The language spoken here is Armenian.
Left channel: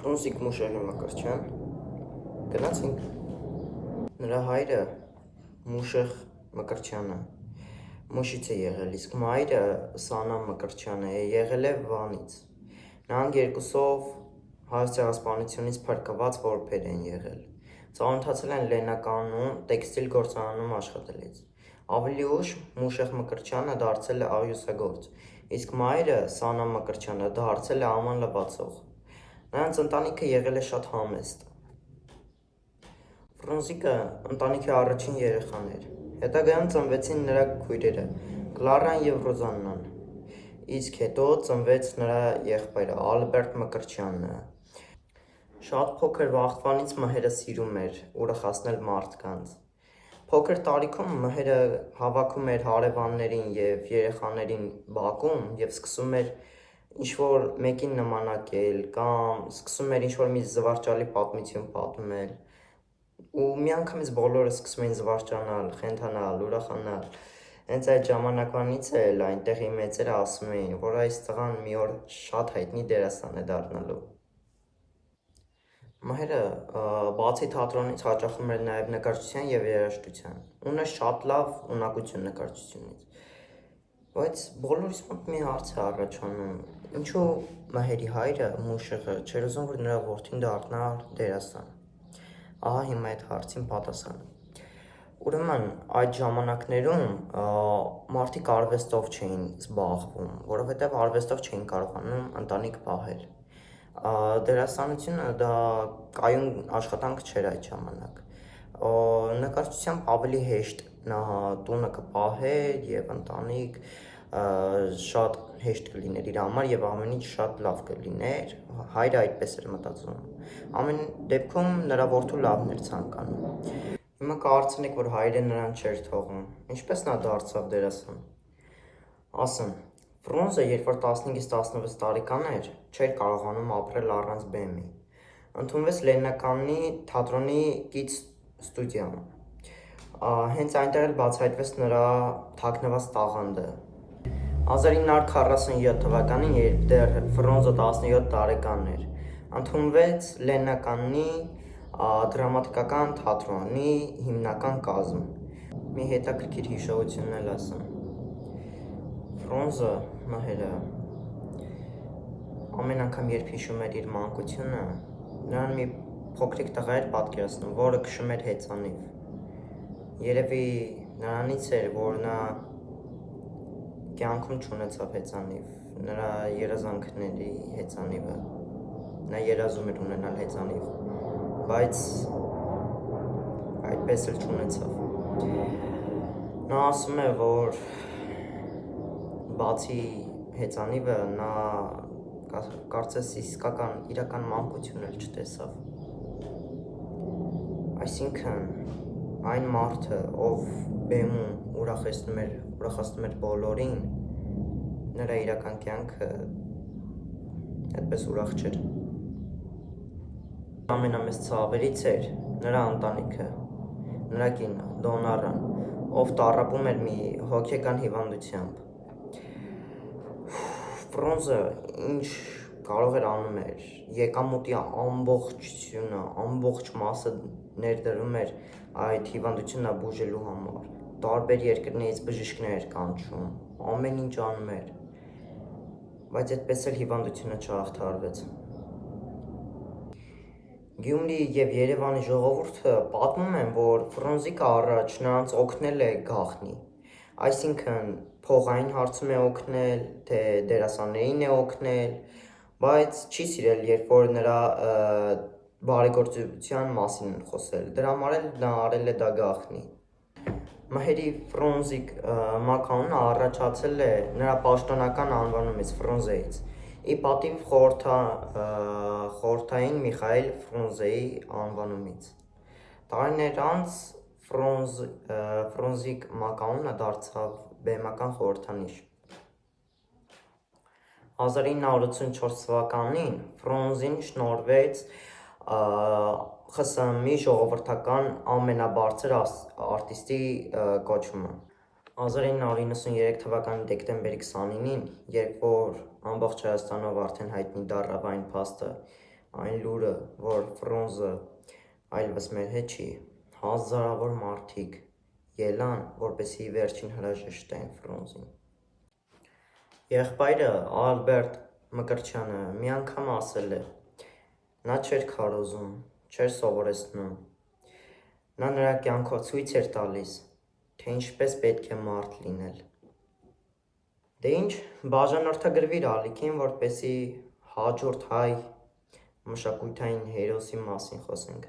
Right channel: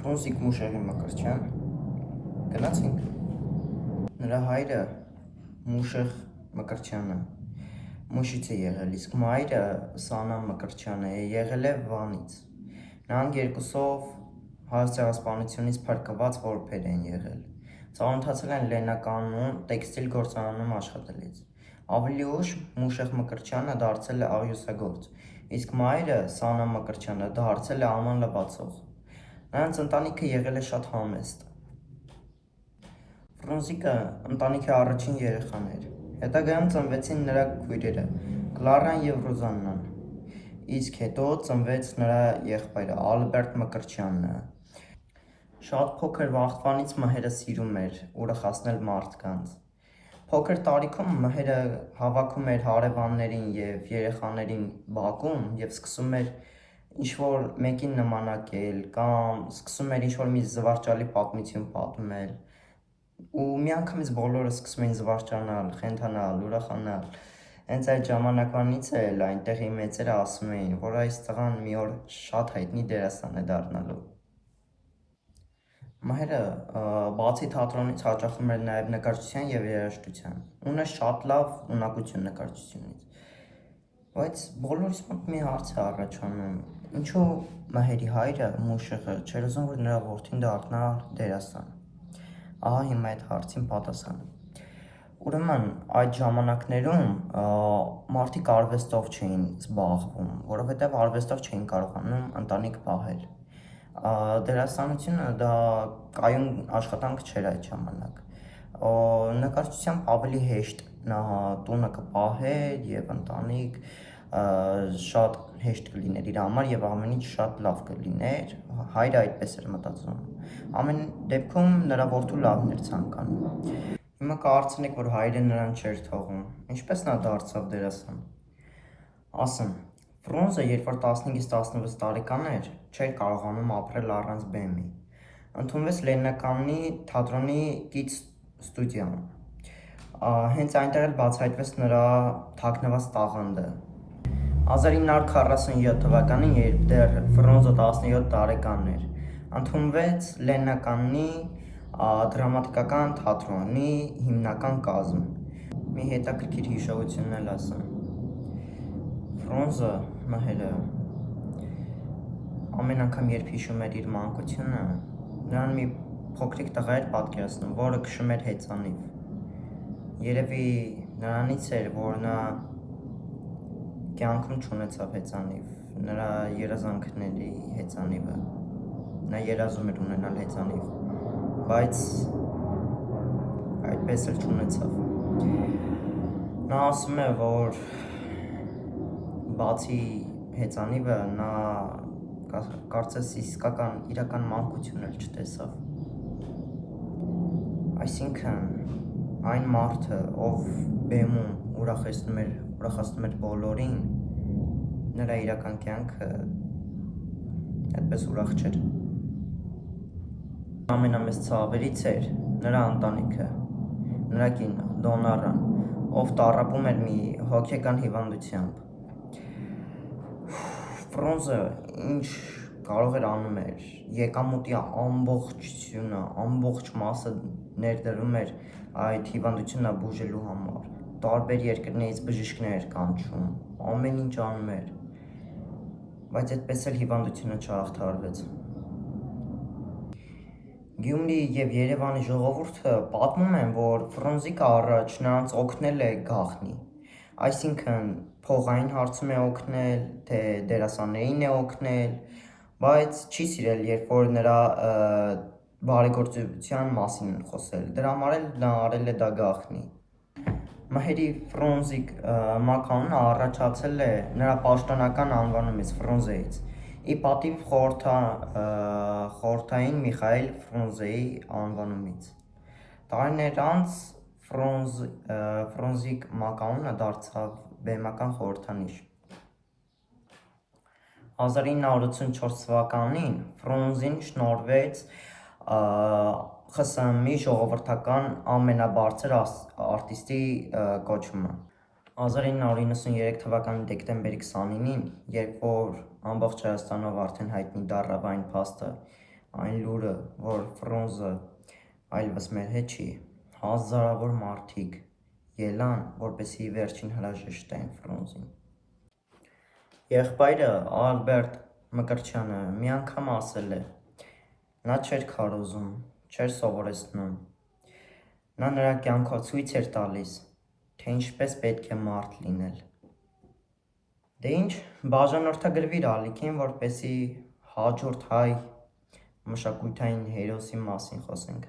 Ֆրունզիկ Մուշեղի Մկրտչյան գնացին։ Նրա հայրը Մուշեղ Մկրտչյանը Մուշից է եղել, իսկ մայրը Սանա Մկրտչյանը եղել է Վանից։ Նրանք երկուսով հայոց ցեղասպանությունից փրկված որբեր են եղել։ Ծանոթացել են Լեննականում տեքստիլ գործարանում աշխատելիս։ Ավելի ուշ Մուշեղ Մկրտչյանը դարձել է աղյուսագործ, իսկ մայրը Սանա Մկրտչյանը դարձել է աման լվացող։ Նրանց ընտանիքը եղել է շատ համեստ։ Ֆրունզիկը ընտանիքի առաջին երեխան էր։ Հետագայում ծնվեցին նրա քույրերը Կլարան և Ռոզաննան, իսկ հետո ծնվեց նրա եղբայրը Ալբերտ Մկրտչյանը։ Շատ փոքր վաղտվանից Մհերը սիրում էր ուրախացնել մարդկանց։ Փոքր տարիքում Մհերը հավաքում էր հարևաններին և երեխաներին բակում և սկսում էր ինչ-որ մեկին նմանակել կամ սկսում էր ինչ-որ մի զվարճալի պատմություն պատմել, ու միանգամից բոլորը սկսում էին զվարճանալ, խենթանալ, ուրախանալ։ Հենց այդ ժամանակվանից էլ այնտեղի մեծերը ասում էին, որ այս տղան մի օր շատ հայտնի դերասան է դառնալու։ Մհերը բացի թատրոնից հաճախում էր նաև նկարչության և երաժշտության, ուներ շատ լավ ունակություն նկարչությունից։ Բայց բոլորիս մոտ մի հարց է առաջանում, ինչու Մհերի հայրը Մուշեղը չէր ուզում, որ նրա որդին դառնա դերասան։ Ահա հիմա այդ հարցին պատասխանը։ Ուրեմն այդ ժամանակներում մարդիկ արվեստով չէին զբաղվում, որովհետև արվեստով չէին կարողանում ընտանիք պահել։ Դերասանությունը դա կայուն աշխատանք չէր այդ ժամանակ։ Նկարչությամբ ավելի հեշտ նա տունը կպահեր և ընտանիք շատ հեշտ կլիներ իր համար և ամեն ինչ շատ լավ կլիներ, հայրը այդպես էր մտածում։ Ամեն դեպքում նրա որդու լավն էր ցանկանում։ Հիմա կարծենք, որ հայրը նրան չէր թողում, ինչպես նա դարձավ դերասան։ Ասեմ, Ֆրունզը, երբ որ 15-ից 16 տարեկան էր, չէր կարողանում ապրել առանց բեմի։ Ընդունվեց Լեննականի թատրոնի կից ստուդիայում։ Հենց այնտեղ էլ բացահայտվեց նրա թաքնված տաղանդը։ 1947 թվականին, երբ դեռ Ֆրունզը 17 տարեկան էր, ընդունվեց Լեննականի դրամատիկական թատրոնի հիմնական կազմ։ Մի հետաքրքիր հիշողություն էլ ասեմ։ Ֆրունզը Մհերը ամեն անգամ երբ հիշում էր իր մանկությունը, նրան մի փոքրիկ տղա էր պատկերացնում, որը քշում էր հեծանիվ։ Երևի նրանից էր, որ նա կյանքում չունեցավ հեծանիվ, նրա երազանքների հեծանիվը։ Նա երազում էր ունենալ հեծանիվ, բայց այդպես էլ չունեցավ։ Նա ասում է, որ բացի հեծանիվը նա կարծես իրական մանկություն էլ չտեսավ։ Այսինքն այն մարդը, ով բեմում ուրախացնում էր բոլորին, նրա իրական կյանքը այդպես ուրախ չէր։ Ամենամեծ ցավերից էր նրա ընտանիքը, նրա կինը Դոնառան, ով տառապում էր մի հոգեկան հիվանդությամբ։ Ֆրունզը ինչ կարող էր անում էր, եկամուտի ամբողջությունը, ամբողջ մասը ներդրում էր այդ հիվանդությունը բուժելու համար։ Տարբեր երկրներից բժիշկներ էր կանչում, ամեն ինչ անում էր, բայց այդպես էլ հիվանդությունը չհաղթահարվեց։ Գյումրի և Երևանի ժողովուրդը պատմում են, որ Ֆրունզիկը առաջ նրանց օգնել է գաղտնի, այսինքն փողային հարցում է օգնել, թե դերասաններին է օգնել, բայց չի սիրել, երբ որ նրա բարեգործության մասին են խոսել, դրա համար էլ նա արել է դա գաղտնի։ Մհերի Ֆրունզիկ մականունը առաջացել է նրա պաշտոնական անվանումից Ֆրունզեից, ի պատիվ խորհրդային Միխայիլ Ֆրունզեի անվանումից։ Տարիներ անց Ֆրունզիկ մականունը դարձավ բեմական խորհրդանիշ։ 1984 թվականին Ֆրունզին շնորհվեց ԽՍՀՄ-ի ժողովրդական ամենաբարձր արտիստի կոչումը։ 1993 թվականի դեկտեմբերի 29-ին, երբ որ ամբողջ Հայաստանով արդեն հայտնի դառավ այն փաստը, այն լուրը, որ Ֆրունզը այլևս մեր հետ չի, հազարավոր մարդիկ ելան, որպեսզի վերջին հրաժեշտ տային Ֆրունզին։ Եղբայրը Ալբերտ Մկրտչյանը մի անգամ ասել է. նա չէր քարոզում, չէր սովորեցնում։ Նա նրա կյանքով ցույց էր տալիս, թե ինչպես պետք է մարդ լինել։ Դե ինչ, բաժանորդագրվիր ալիքին, որպեսզի հաջորդ հայ մշակութային հերոսի մասին խոսենք։